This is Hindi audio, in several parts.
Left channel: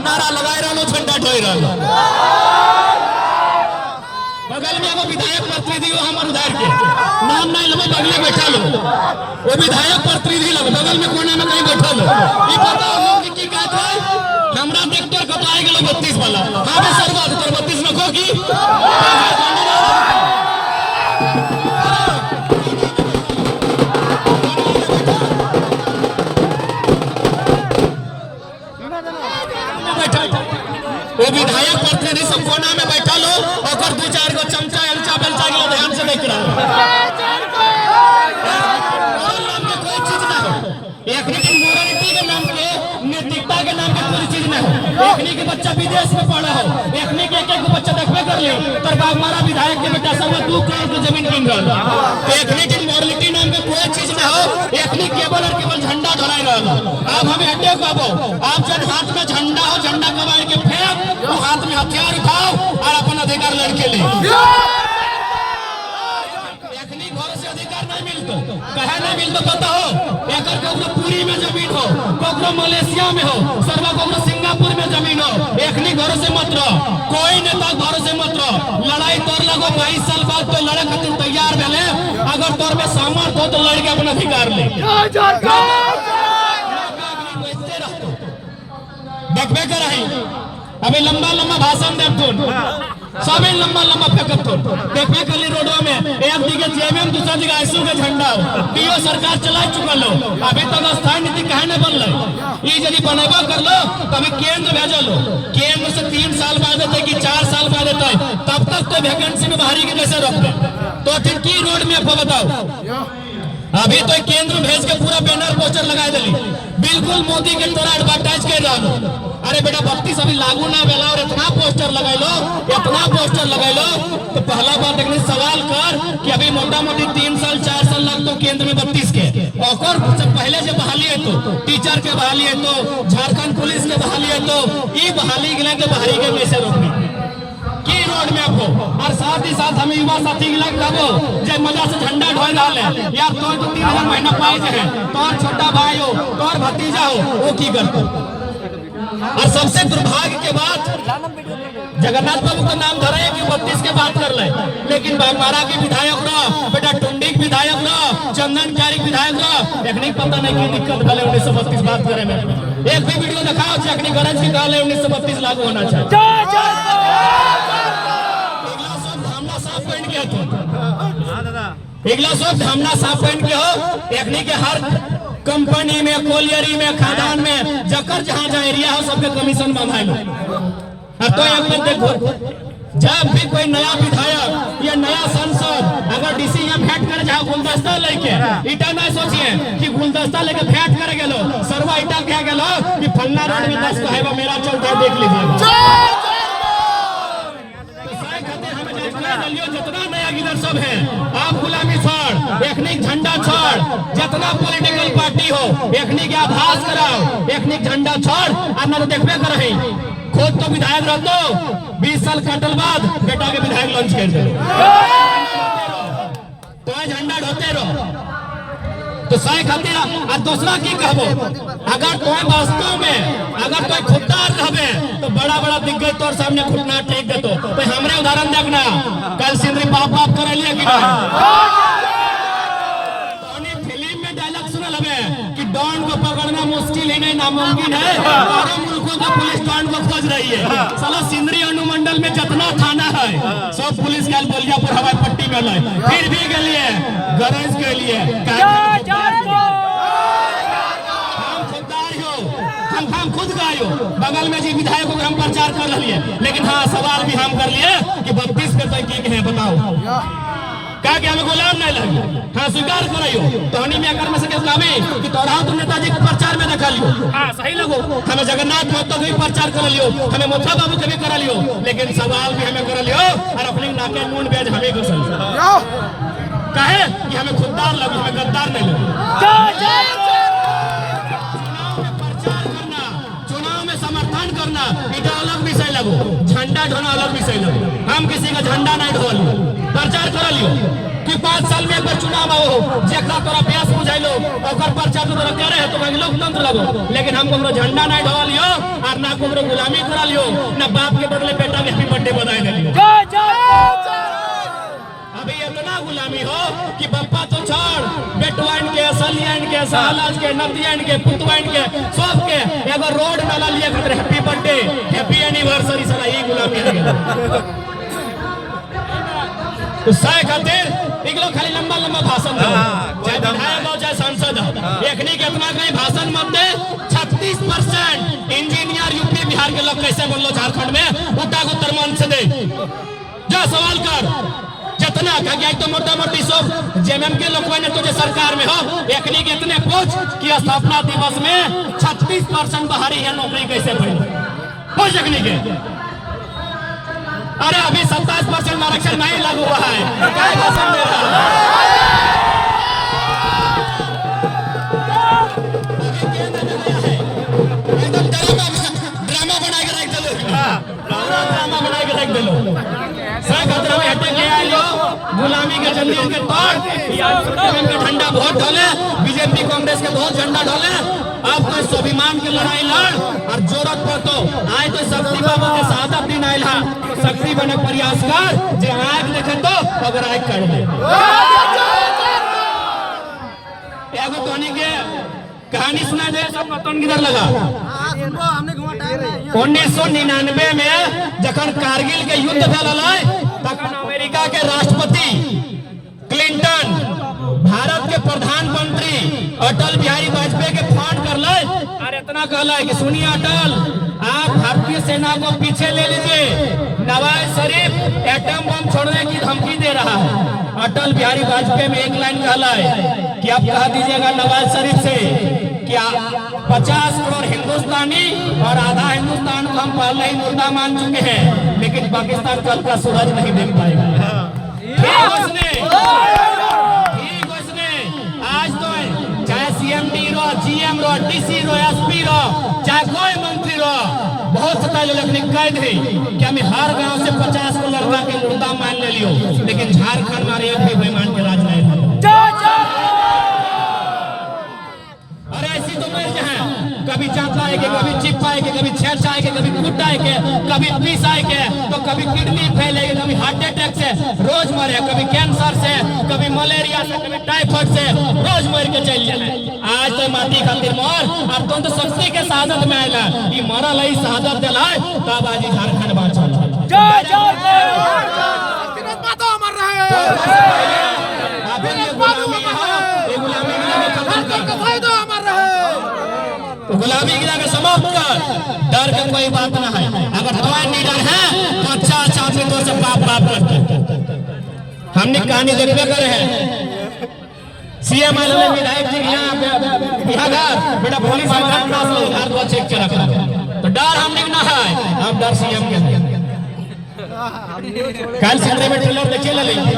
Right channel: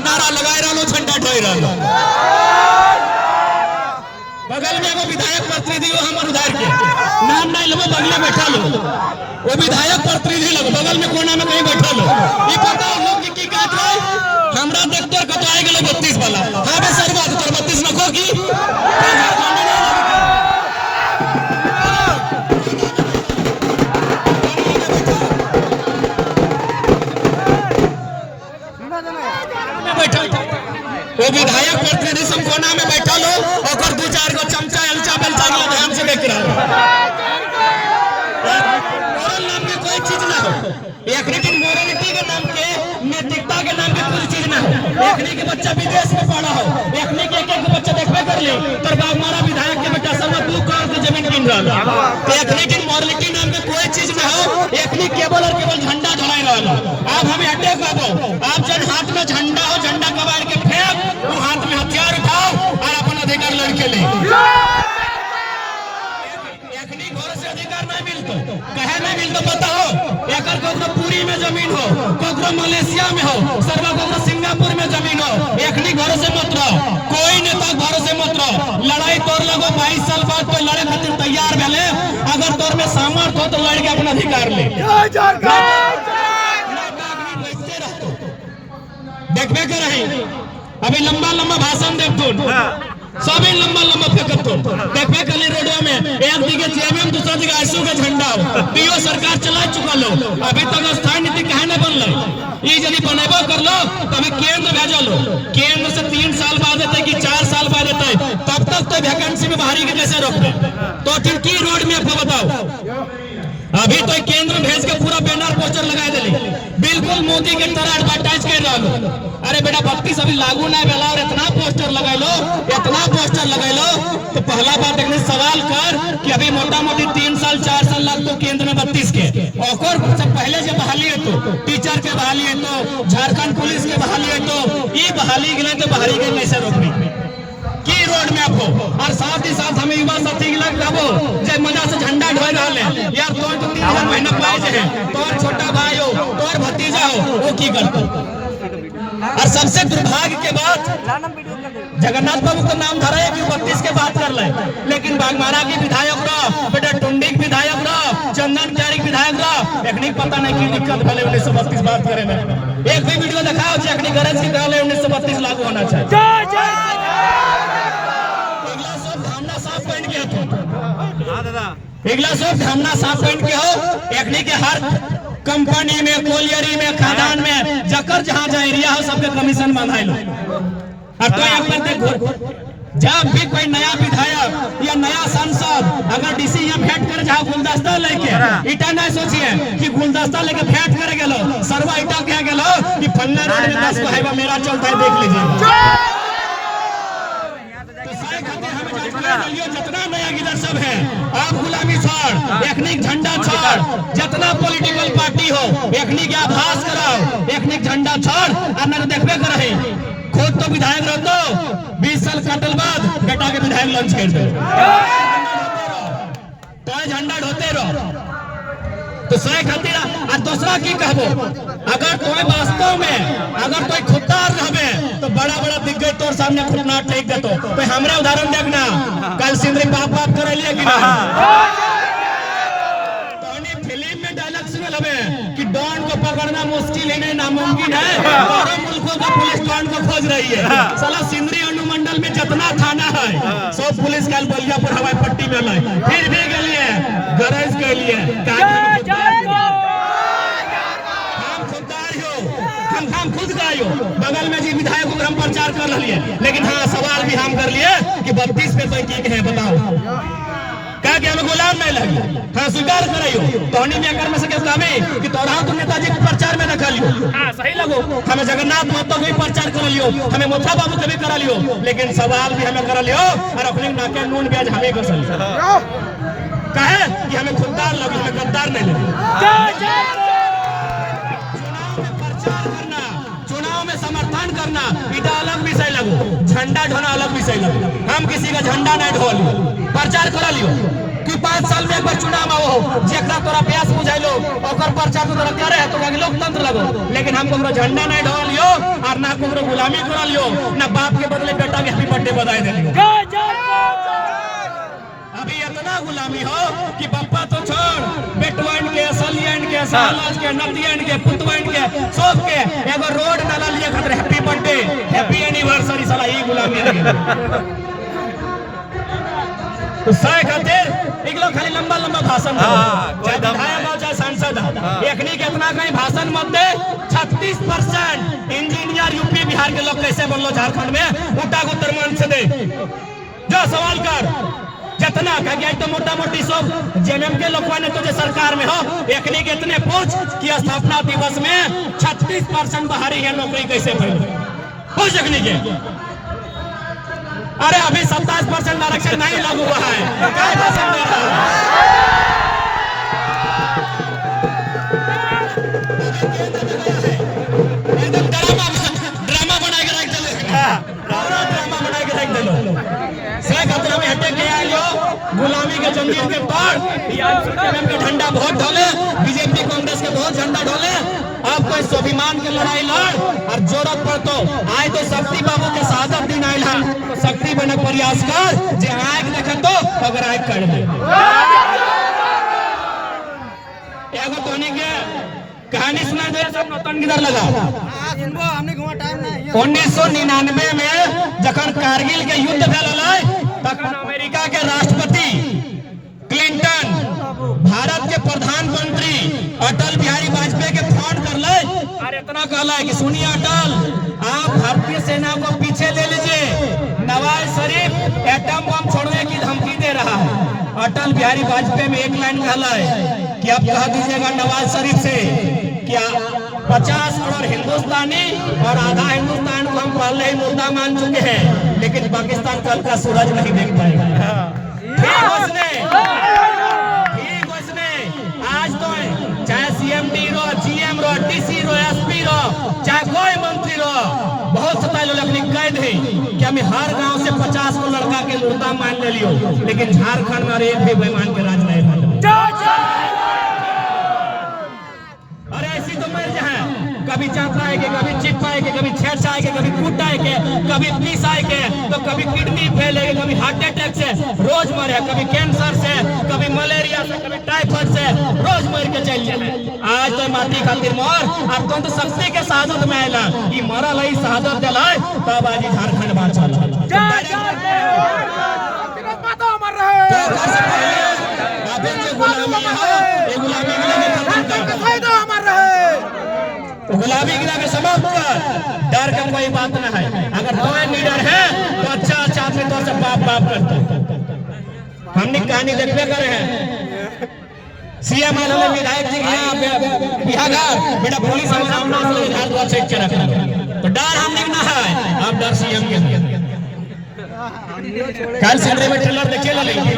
नारा लगाए रहो, झंडा ढोए रहो। बगल में एगो विधायक प्रतिनिधि हो हमारे उधार के नाम नहीं लो, बगल में बैठा लो, वो विधायक प्रतिनिधि लोग बगल में कोना में कहीं बैठा लो। ये पता हो कि की कहत है हमरा देखते कतवाए गेलो 32 वाला। हां बे सर बात 32 नको की वो विधायक प्रतिनिधि सब कोना में बैठा लो, अगर 2-4 गो चमचा अलचा बेलचा के ध्यान से देख रहा नाम में कोई चीज ना हो, एकनी के मोरालिटी के नाम के, नैतिकता के नाम के कोई चीज ना हो। एकनी के बच्चा विदेश में पढ़ा हो, एकनी के एक बच्चा देखबे कर ले तर बाग मारा विधायक के बेटा सब 2 करोड़ की जमीन किन रहा तो एकनी के मोरालिटी नाम के कोई चीज ना हो। एकनी केवल और केवल झंडा ढलाई रहा। अब हमें अटैक आबो, आप जन हाथ में झंडा हो, झंडा कबाड़ के फेंक, वो हाथ में हथियार उठाओ और अपन अधिकार लड़के ले। एकनी घर से अधिकार नहीं मिलतो, कहे नहीं मिलतो पता हो। एकर कोकरो पूरी में जमीन हो, कोकरो मलेशिया में हो, सर्वा कोकरो सिंगापुर में जमीन हो। एकनी घर से मत रहो, कोई नेता घर से मत रहो। लड़ाई तोर लगो 22 साल बाद तो लड़े खातिर तैयार भेले, अगर तोर में सामर्थ्य हो तो लड़ के अपना अधिकार ले। देखबे कर रही अभी लंबा लंबा भाषण देथुन, सबे लंबा लंबा फेंकथुन। देखबे कली रोडवा में एक दिगे जेएमएम, दूसरा जगह आईएसओ के झंडा पीओ सरकार चला चुकल हो। अभी तक स्थायी नीति काहे न बनल, ये यदि बनेबो कर लो तो हमें केंद्र भेजो लो। केंद्र से 3 साल बाद आते कि 4 साल बाद आते, तब तक तो वैकेंसी में बाहरी के कैसे रोक दे? तो फिर की रोड में बताओ। अभी तो केंद्र भेज के पूरा बैनर पोस्टर लगा दिली, बिल्कुल मोदी के तरह एडवर्टाइज कर रहा लो। अरे बेटा 32 अभी लागू ना भेला और इतना पोस्टर लगाई लो, इतना पोस्टर लगाई लो। तो पहला बात एक सवाल कर कि अभी मोटा मोटी 3 साल 4 साल लग तो केंद्र में 32 के और पहले जो बहाली है तो टीचर के बहाली है तो झारखंड पुलिस के बहाली है तो ये बहाली के लिए बहाली के कैसे रोकनी की रोड मैप हो। और साथ ही साथ हमें युवा साथी लगो जे मजा से झंडा ढोए रहा यार। तो 3,000 महीना पाए है, तोर छोटा भाई हो, तोर भतीजा हो, वो की करते। और सबसे दुर्भाग्य के बात जगन्नाथ बाबू का नाम धरा है कि 32 के बात कर ले, लेकिन बागमारा के विधायक रहा, बेटा टुंडी के विधायक रहा, चंदन क्यारी के विधायक रहा, एक पता नहीं की दिक्कत भले 1932 बात करे में। एक भी वीडियो दिखाओ चेकनी गरज की कहले 1932 लागू होना चाहिए। इगला सब धामना साफ पहन के हो। एकनी के हर कंपनी में, कोलियरी में, खादान में जकर जहां जहां एरिया हो सबके कमीशन बंधाई लो। अब तो एक बार देखो, जब भी कोई नया विधायक या नया सांसद अगर डीसी यहाँ भेंट करे जहाँ गुलदस्ता लेके, इटा नहीं सोचिए कि गुलदस्ता लेके भेंट करे गेलो, सरवा इटा क्या गेलो कि फलना रोड में 10 को हाईवा मेरा चलता है देख लीजिएगा। जितना नया गिदर सब है, आप गुलामी छोड़, एखनिक झंडा छोड़, जितना पॉलिटिकल पार्टी हो एखनी के आभास कराओ, एखनिक झंडा छोड़। और न तो देखबे कर रही खुद तो विधायक रह दो 20 साल कटल बाद बेटा के विधायक लॉन्च कर दो, तो झंडा ढोते रहो। तो सही खातिर और दूसरा की कहबो, अगर कोई वास्तव में अगर कोई खुददार रहबे तो बड़ा बड़ा दिग्गज तोर सामने घुटना टेक देतो। तो हमरे उदाहरण देखना, कल सिंदरी बाप बाप कर लिया कि नहीं? तो फिल्म में डायलॉग सुनल हबे कि डॉन को पकड़ना मुश्किल ही नहीं नामुमकिन है, 12 मुल्कों का पुलिस डॉन को खोज रही है। साला सिंदरी अनुमंडल में जितना थाना है सब पुलिस कल बलियापुर हवाई पट्टी में लाए, फिर भी गलिए गरज के लिए हम खुद गायो बगल में जी विधायकों का हम प्रचार कर लिए, लेकिन हाँ सवाल भी हम कर लिए कि 32 पे तय है बताओ क्या कि हमें गुलाम नहीं लगे। हाँ स्वीकार कराइयो तोहनी में अगर में से कामे कि तोरा तुम नेताजी के प्रचार में दिखा लियो, हाँ सही लगो। हमें जगन्नाथ महतो के भी प्रचार कर लियो, हमें मोथा बाबू के भी करा लियो, लेकिन सवाल भी हमें कर लियो और अपनी नाके नून बेज हमें कर कहे कि हमें खुददार लगे, हमें गद्दार नहीं लगे। चुनाव में समर्थन करना इटा अलग विषय लगो, झंडा ढोना अलग विषय लगो। हम किसी का झंडा नहीं ढो लियो, प्रचार कर लियो कि 5 साल में एक बार चुनाव आओ जेकरा तोरा प्यास बुझाइलो ओकर पर्चा तो तोरा करे है तो कहीं लोकतंत्र लगो, लेकिन हम को झंडा नहीं ढवा लियो और ना को गुलामी करा लियो, ना बाप के बदले बेटा के हैप्पी बर्थडे बधाई दे लियो। अभी इतना गुलामी हो कि बप्पा तो छोड़, बेटवाइन के, सलियन के, सालाज के, नदियन के, पुतवाइन के, सब के एगो रोड नाला लिए खातिर हैप्पी बर्थडे, हैप्पी एनिवर्सरी साला ये गुलामी है। तो सह खातिर एक लोग खाली लंबा लंबा भाषण दो, चाहे विधायक हो चाहे सांसद हो, एकनी के इतना कहीं भाषण मत दे। 36% इंजीनियर यूपी बिहार के लोग कैसे बनलो झारखंड में, उठा को उत्तर से दे जो सवाल कर जितना कह तो मोटा मोटी सब जेएमएम के लोग ने तो सरकार में हो, एकनी के इतने पूछ कि स्थापना दिवस में 36% बाहरी है नौकरी कैसे मिली, पूछ एकनी के। अरे अभी 27% आरक्षण नहीं लागू हुआ है, क्या भाषण दे रहा है? एकदम ड्रामा बना के रख दे, पूरा ड्रामा बना के रख दे लो। खतरा में हटे के आइलो गुलामी के जंजीर के तोड़ के झंडा वोट ढोले, बीजेपी कांग्रेस के बहुत झंडा ढोले। अब कोई स्वाभिमान के लड़ाई लड़ और जरूरत पर तो आए तो शक्ति बाबू के शहादत दिन आयल है, तो शक्ति बने प्रयास कर जे आग देखे तो अगर आग कर दे। एगो तोनी के कहानी सुना दे, सब नौतन किधर लगा। 1999 में जखन कारगिल के युद्ध भेल तखन अमेरिका के राष्ट्रपति क्लिंटन भारत के प्रधानमंत्री अटल बिहारी वाजपेयी के फोन कर ले और इतना कहला कि सुनिए अटल, आप भारतीय सेना को पीछे ले लीजिए, नवाज शरीफ एटम बम छोड़ने की धमकी दे रहा है। अटल बिहारी वाजपेयी में एक लाइन कहला है कि आप कह दीजिएगा नवाज शरीफ से कि 50 करोड़ हिंदुस्तानी और आधा हिंदुस्तान को हम पहले ही मुर्दा मान चुके हैं, लेकिन पाकिस्तान कल का सूरज नहीं देख पाएगा। ठीक उसने आज तो चाहे सीएमडी रो, जीएम रो, डीसी रो, एसपी रो, चाहे कोई मंत्री रो, बहुत सताए लेकिन कह दे कि हमें हर गांव से 50 को लड़का के मुर्दा मान ले लियो, लेकिन झारखंड में एक भी बेईमान के राज नहीं था। अरे ऐसी तो मर जाए, कभी चांपा है के, कभी चिप्पा है के, कभी छेड़छा है के, कभी कुटा है के, कभी पीसा है के, तो कभी किडनी फेल है, कभी हार्ट अटैक से रोज मरे, कभी कैंसर से, कभी मलेरिया से, कभी टाइफाइड से रोज मर के चल जाए। आज तो माटी खातिर मोर अब तो शक्ति के शहादत में आयला, ई मरल है शहादत दिला तब आज झारखंड बात चल रहा तो गुलामी गिरा समाप्त कर, डर का कोई बात ना है। अगर तुम्हारे निडर है तो अच्छा अच्छा आदमी तो सब बाप बाप करते। हमने कहानी देखने करे हैं, सीएम वाले विधायक जी यहाँ घर बेटा पुलिस हमारे नाम से हाथ को चेक के रखा, तो डर हमने ना है, अब डर सीएम के है। कल सिंदरी में ट्रेलर देखे ला लेंगे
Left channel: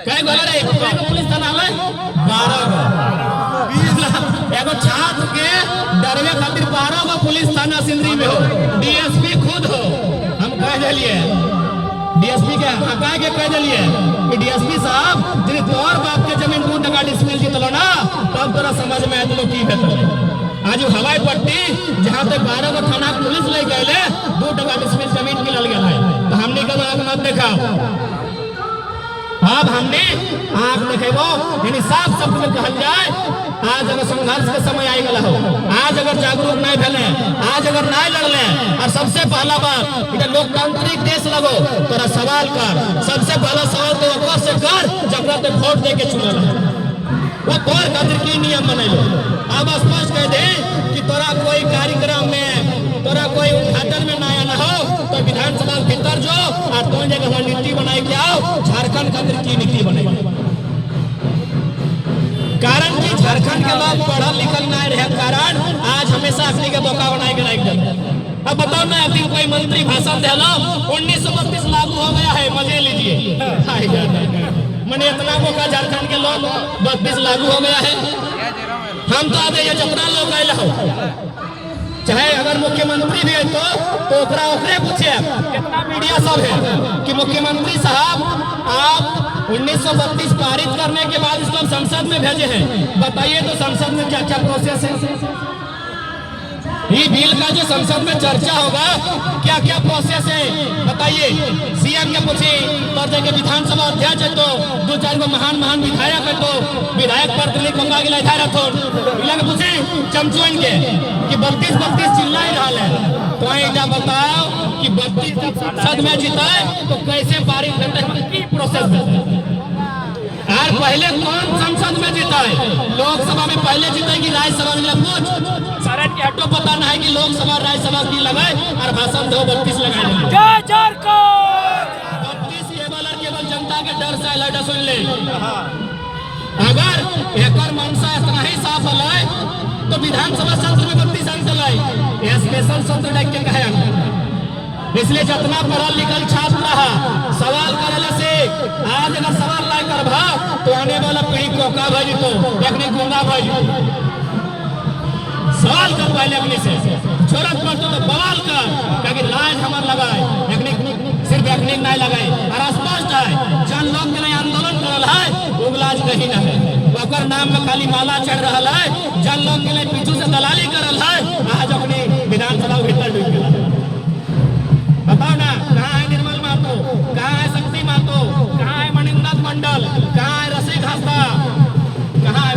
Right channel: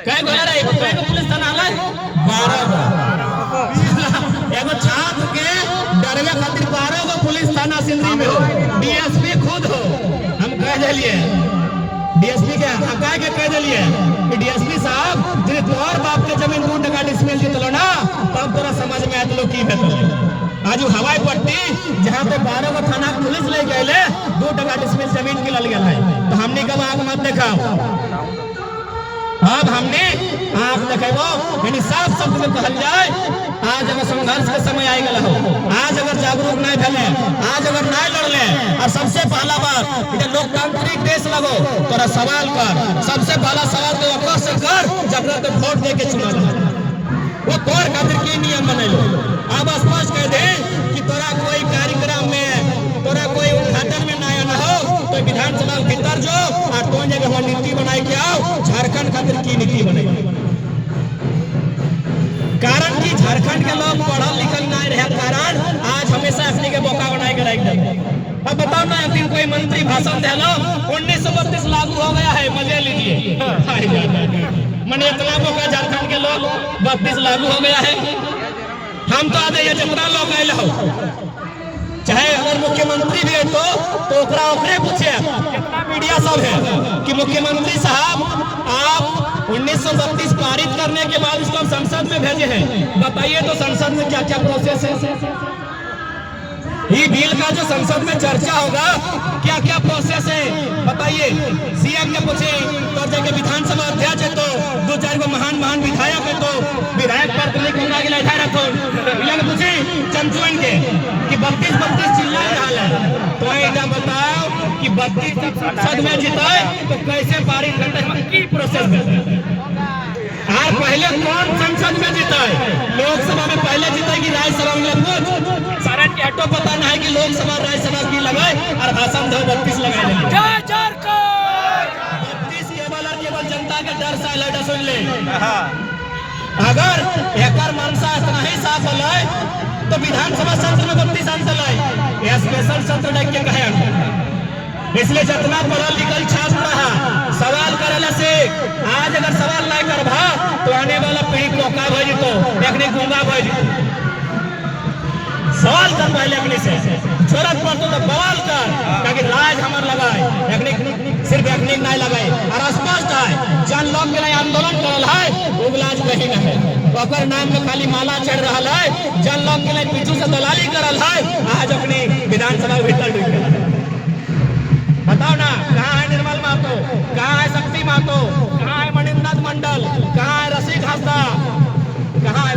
कई गोला रे पुलिस थाना है 12 एगो छात्र के डरवे खातिर 12 गो पुलिस थाना सिंदरी में हो, डीएसपी खुद हो। हम कह दिलिए डीएसपी के हका के कह दिलिए कि डीएसपी साहब जिन तोर बाप के जमीन 2 टका डिसमिल जीतलो ना, तब तोरा समझ में आतलो की भेटल। आज हवाई पट्टी जहां पे 12 गो थाना पुलिस ले गए 2 टका डिसमिल जमीन की लल गया है, तो हमने कब आंख मत दिखाओ। अब हमने आंख देखेबो, यानी साफ शब्द में कहल जाए आज अगर संघर्ष के समय आई गला हो, आज अगर जागरूक नहीं भेले, आज अगर नहीं लड़ले, और सबसे पहला बात इधर लोकतांत्रिक देश लगो, तोरा सवाल कर, सबसे पहला सवाल तो ओकर से कर जकरा तो वोट दे के चुनल है, वो तोर खातिर की नियम बनैलो। अब स्पष्ट कह दे कि तोरा कोई कार्यक्रम में, तोरा कोई उद्घाटन में ना आना हो तो विधानसभा के भीतर जो और तो जगह नीति बनाई के आओ, झारखंड खातिर की नीति बनेगी। कारण कि झारखंड के लोग पढ़ल लिखल नहीं रहे कारण आज हमेशा अपनी के बोका बनाई के रख देते। अब बताओ ना, एक दिन कोई मंत्री भाषण दे लो 1932 लागू हो गया है, मजे लीजिए, मैंने इतना बोका झारखंड के लोग 32 लागू हो गया है। हम तो आते जितना लोग आए हो, चाहे अगर मुख्यमंत्री भी है तो ओकरे पूछे, कितना मीडिया सब है कि मुख्यमंत्री साहब आप 1932 पारित करने के बाद इसको संसद में भेजे हैं। बताइए तो संसद में क्या क्या प्रोसेस है? ये बिल का जो संसद में चर्चा होगा क्या क्या प्रोसेस है बताइए। सीएम के पूछे तो जगह विधानसभा अध्यक्ष है तो दो चार गो महान विधायक है तो विधायक पर तुमने कोंगा गिला था रखो इला के पूछे चमचुअन के कि 32 चिल्ला ही रहा है। तो ये बताओ कि 32 संसद में जीताए तो कैसे पारित करते हैं की प्रोसेस है? यार पहले कौन संसद में जीता है? लोकसभा में पहले जीता है कि राज्यसभा में? कुछ सारा हटो पता नहीं है कि लोकसभा राज्यसभा की लगाए और भाषण दो 32 लगाए 32 केवल और केवल जनता के डर से लड़ा सुन ले। अगर एक मनसा इतना ही साफ है तो विधानसभा सत्र में 32 सांसद है यह स्पेशल सत्र डाक के कहे। इसलिए जितना पढ़ा लिखल छात्र रहा सवाल करने से आज अगर सवाल नहीं करभा तो आने वाला पीढ़ी कोका भज तो एक गूंगा भज। सवाल कर पहले अपने से जरूरत पड़तो तो बवाल कर क्योंकि राज हमार लगाए सिर्फ एक नहीं लगाए और स्पष्ट है जन लोग के लिए आंदोलन करल है उगलाज कहीं न है ओकर नाम में खाली माला चढ़ रहा है। जन लोग के लिए पीछू से दलाली करल है आज अपनी विधानसभा भीतर डूब गया। बताओ ना कहाँ है निर्मल महतो, कहाँ है शक्ति महतो, कहाँ है मणिंद्र मंडल, कहाँ है रसिक हंसदा, कहाँ है